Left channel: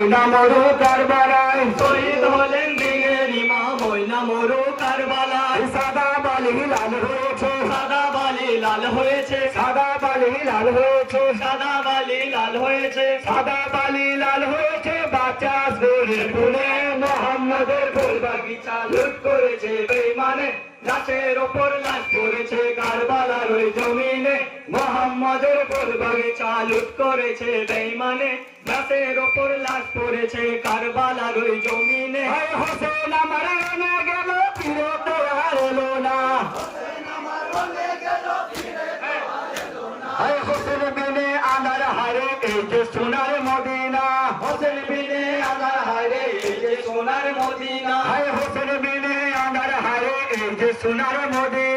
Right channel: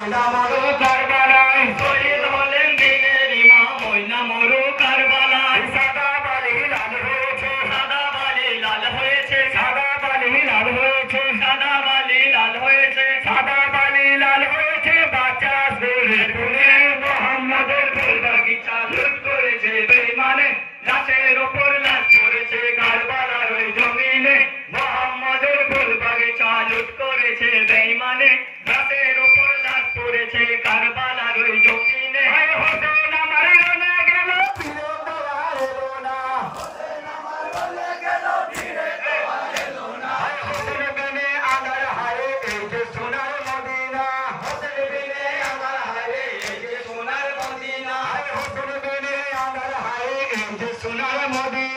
নামরো কারবালায় শহীদ হলেন পড়েছে কারবালার ওই জমিনে হোসেন আমার রোনা গেল ফিরত আর এলো না। হায় হোসেন বিনে আনার হারে এই যে সোনার মদিনা। হোসেন বিনে আনার হারে এই যে সোনার মদিনা। হোসেন বিনে আনার হারে এই যে সোনার মদিনা।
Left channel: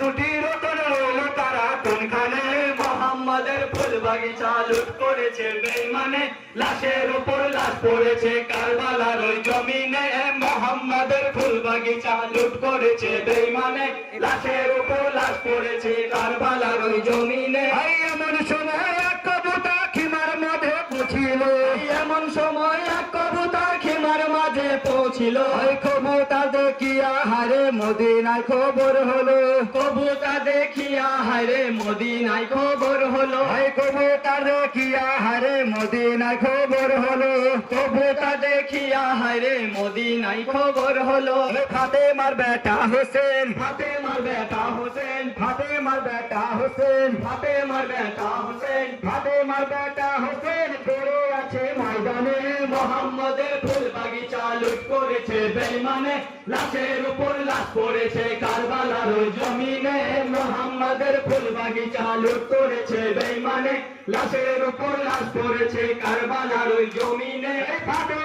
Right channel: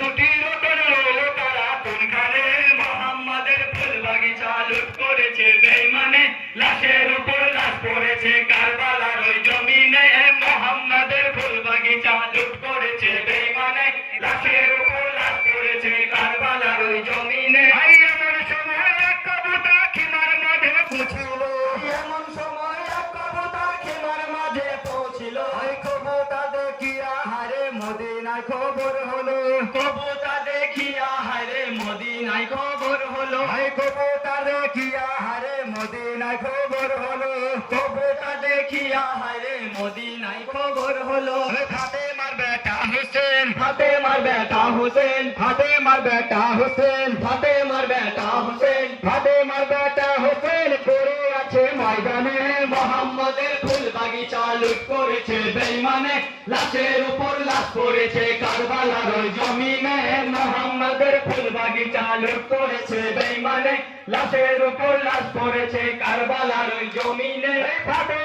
দুটি রতন রইল তারা। কোনখানে মোহাম্মদের ফুল বাগিচা লুট করেছে? পৌঁছিল ওই কবুতা দেখিয়া হারে মদিনায় খবর হলো। কবুতা দেখিয়া হারে মদিনায় খবর হলো। ওই কবুতা দেখিয়া হারে মদিনায় খবর হলো। কবুতা দেখিয়া হারে মদিনায় খবর হলো। ফাতে মার বেটা হোসেন। ফাতে মার বেটা হোসেন। ফাতে মার বেটা হোসেন। ফাতে মার বেটা হোসেন ফাতেমার বেটা হোসেন পড়ে আছে ময়দানে মোহাম্মদের ফুল বাগিচা লুট করেছে বেইমানে, লাশের উপর লাশ পড়েছে কারবালার ওই জমিনে। মোহাম্মদের ফুল বাগিচা লুট করেছে বেইমানে, লাশের উপর লাশ পড়েছে কারবালার ওই জমিনে। ফাতেমা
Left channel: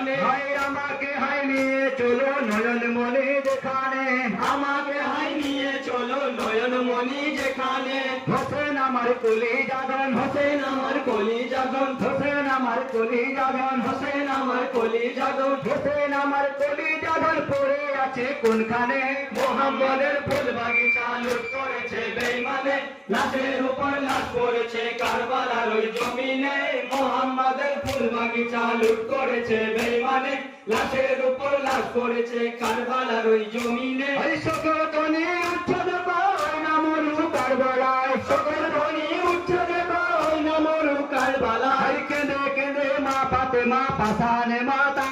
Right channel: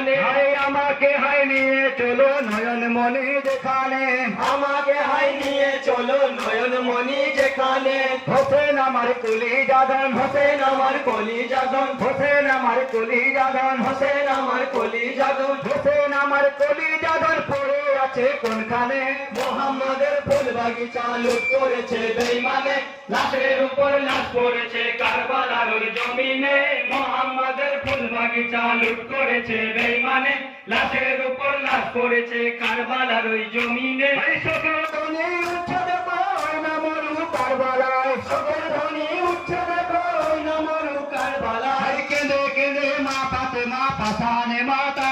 যেখানে আমাকে হাই নিয়ে চলো নয়ন মনি যেখানে। আমাকে হাই নিয়ে চলো নয়ন মনি যেখানে। হোসেন আমার কলি জাগান হোসেন আমার কলি জাদন হোসেন আমার কলি জাগান হোসেন আমার কলি জাগান হোসেন আমার কলি জাগান পড়ে আছে কোনখানে? মোহাম্মদের ফুল বাগিচা লুট করেছে বেইমানে। লাশের উপর লাশ পড়েছে কারবালার ওই জমিনে। মোহাম্মদের ফুল বাগিচা লুট করেছে বেইমানে। লাশের উপর লাশ পড়েছে কারবালার ওই জমিনে সকল কনে উচ্ছেদ পায় নামরু কারবালায়। সকল ধ্বনি উচ্ছেদ পায় নামরু কারবালায়। কেঁদে কেঁদে মা পাতে মা পাশানে মাতা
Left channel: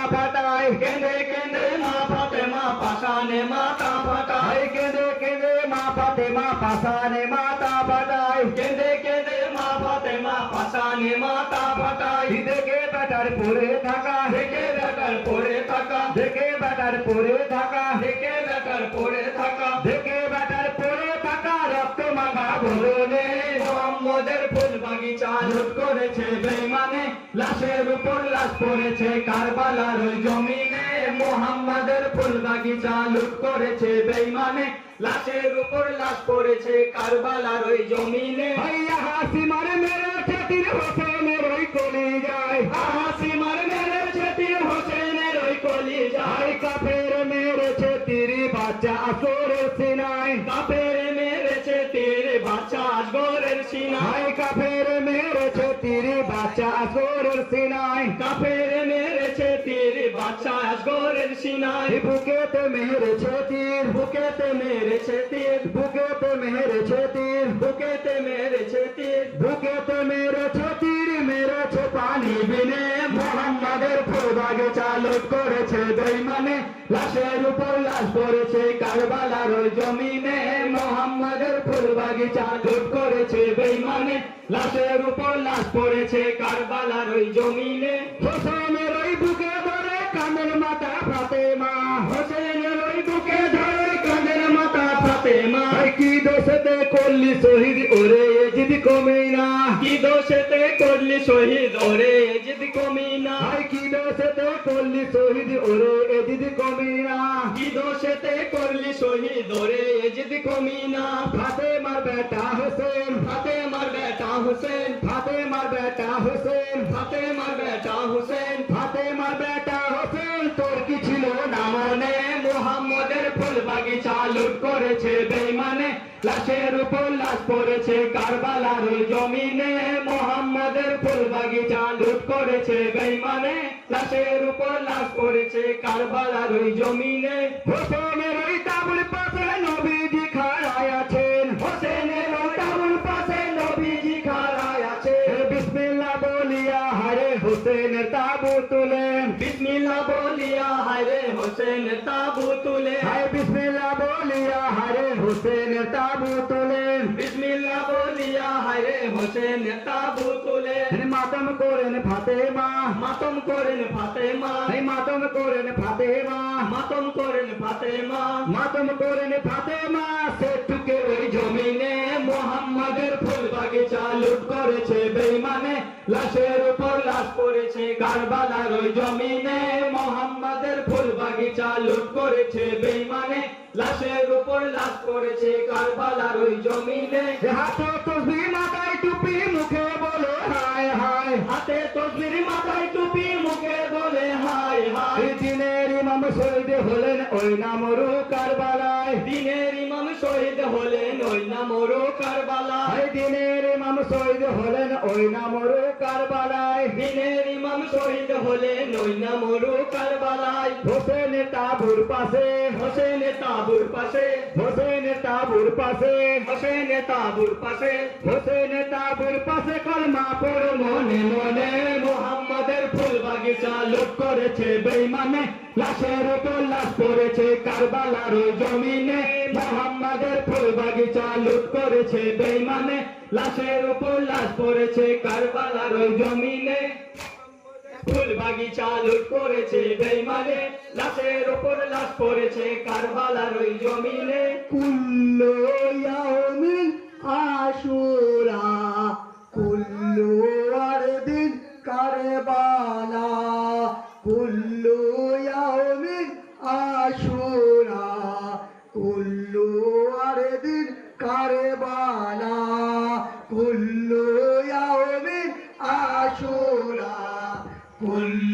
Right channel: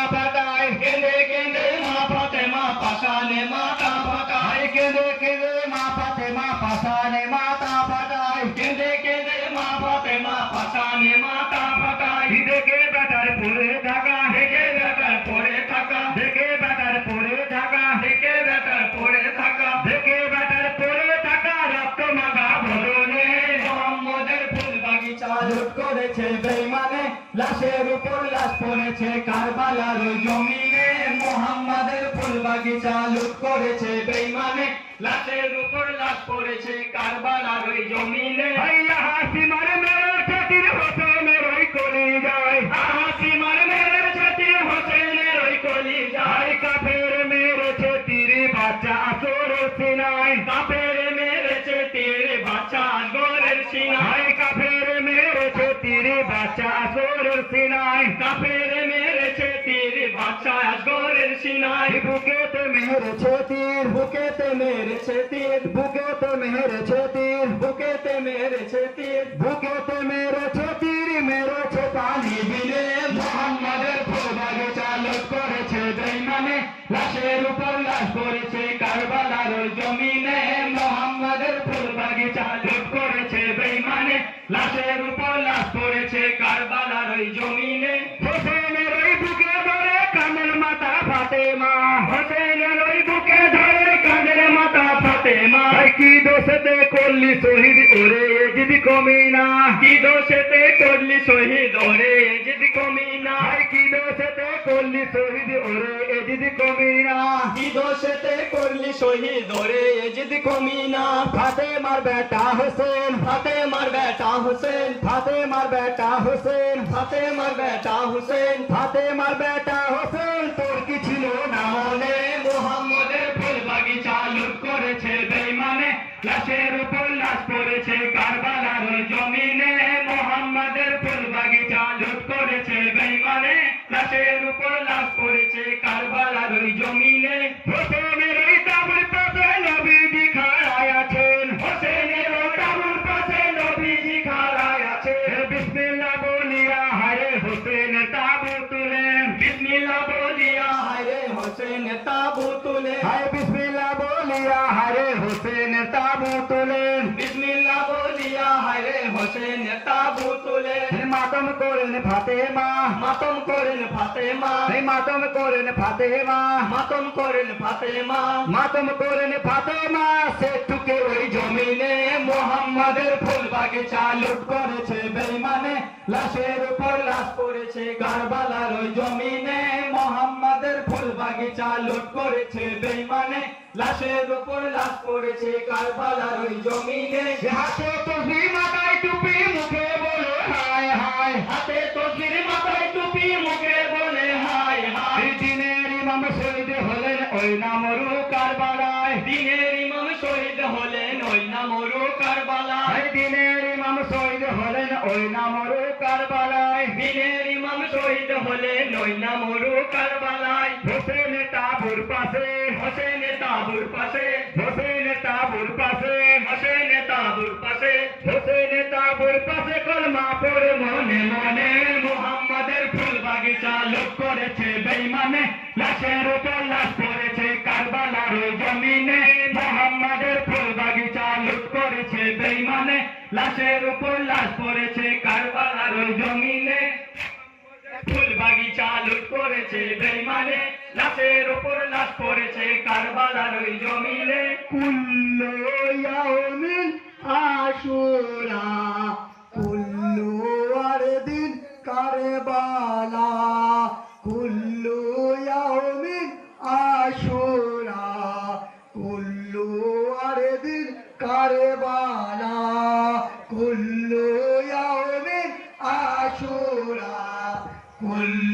উপর লাশ পড়েছে কারবালার ওই জমিনে। মোহাম্মদের ফুল বাগিচা লুট করেছে বেইমানে। লাশের উপর লাশ পড়েছে কারবালার ওই জমিনে। ভাইয়া হাসি মারে মেরে খাতির হোসেনের ওই কলি যায় হাসি কাফের মেরেছে তীর বাচ্চা আসগরের সিনাই। বুকেতে মেরেছে তীর বুকেতে মেরেছে তীর বুকেতে মেরেছে তীর বুকেতে মেরেছে তীর বুকেতে মেরেছে তীর মেরেছে পানি বিনে। মোহাম্মদের বাগিচা করেছে বেইমানে। লাশের উপর লাশ পড়েছে কারবালার জমিনে। মোহাম্মদের ফুল বাগিচা লুট করেছে বেইমানে। লাশের উপর লাশ পড়েছে কারবালার ওই জমিনে। হোসেনের ওই বুকে ধরে কানের মাথা ফাতেমা। হোসেনের ওই বুকে ধরে কানের মাথা ফাতেমা। কি দোষেতে করলি শহীদ ওরে এজিদ কমি না? কি দোষেতে করলি শহীদ ওরে শহীদ ওরে এজিদ কমি না ফাতেমার বেটা হোসেন ফাতে মার বেটা হোসেন, ফাতেমার বেটা হোসেন ফাতে মার বেটা হোসেন, ফাতেমার বেটা হোসেন। তোর কি ছিল না মনে? মোহাম্মদের ফুল বাগিচা লুট করেছে বেইমানে। লাশের উপর লাশ পড়েছে কারবালার জমিনে। মোহাম্মদের ফুল বাগিচা লুট করেছে বেইমানে। লাশের উপর লাশ পড়েছে কারবালার জমিনে। হোসেনের বলিয়া হারে হোসেনের তাবু তুলেন বিসমিল্লাহ বলিয়া হায়রে হোসেনের তাবু তুলে। হায় বিসমিল্লাহ বলিয়া হারে হোসেনের তাবু তুলেন বিসমিল্লাহ বলিয়া হায়রে হোসেনের তাবু তুলে। মাতম করেন ফাতেমা। মাতম করেন ফাতেমা। এই মাতম করেন ফাতেমা। মাতম করেন ফাতেমা। মাতম করেন ফাতেমা। সেতুকে ওই জমিনে মোহাম্মদের ফুল বাগিচা লুট করেছে বেইমানে। লাশের উপর লাশ পড়েছে কারবালার ওই জমিনে। মোহাম্মদের ফুল বাগিচা লুট করেছে বেইমানে। লাশের উপর লাশ করেছে কারবালার ওই জমিনে। হাতে তসবি মাথায় টুপি মুখে বলে হায় হায়। হাতে তসবির মাথায় টুপি মুখে বলে হায় দিনের ইমাম শহীদ হলেন ওই নামরু কারবালায়। দিনের ইমাম শহীদ হলেন ওই না মরু কারবালা দিনের ইমাম শহীদ হলেন ওই নামরু কারবালায়। দিনের ইমাম শহীদ হলেন ওই না মরু কারবালায়। হোসেন তাবুর পাশে। হোসেন তাবুর পাশে। হোসেন তাবুর পাশে। হোসেন তাবুর পাশে। হোসেন তাবুর পাশে কলমা পড় মনে মনে। মোহাম্মদের লুট করেছে বেইমানে, লাশের উপর লাশ পড়েছে কারবালার জমিনে। মোহাম্মদের ফুল বাগিচা লুট করেছে বেইমানে, লাশের উপর লাশ পড়েছে কারবালার জমিনে। ফুল বাগিচা লুট করেছে বেইমানে, লাশের উপর লাশ পড়েছে কারবালার ওই জমিনে। কুল্লু ইয়াউমিন আশুরা কুল্লু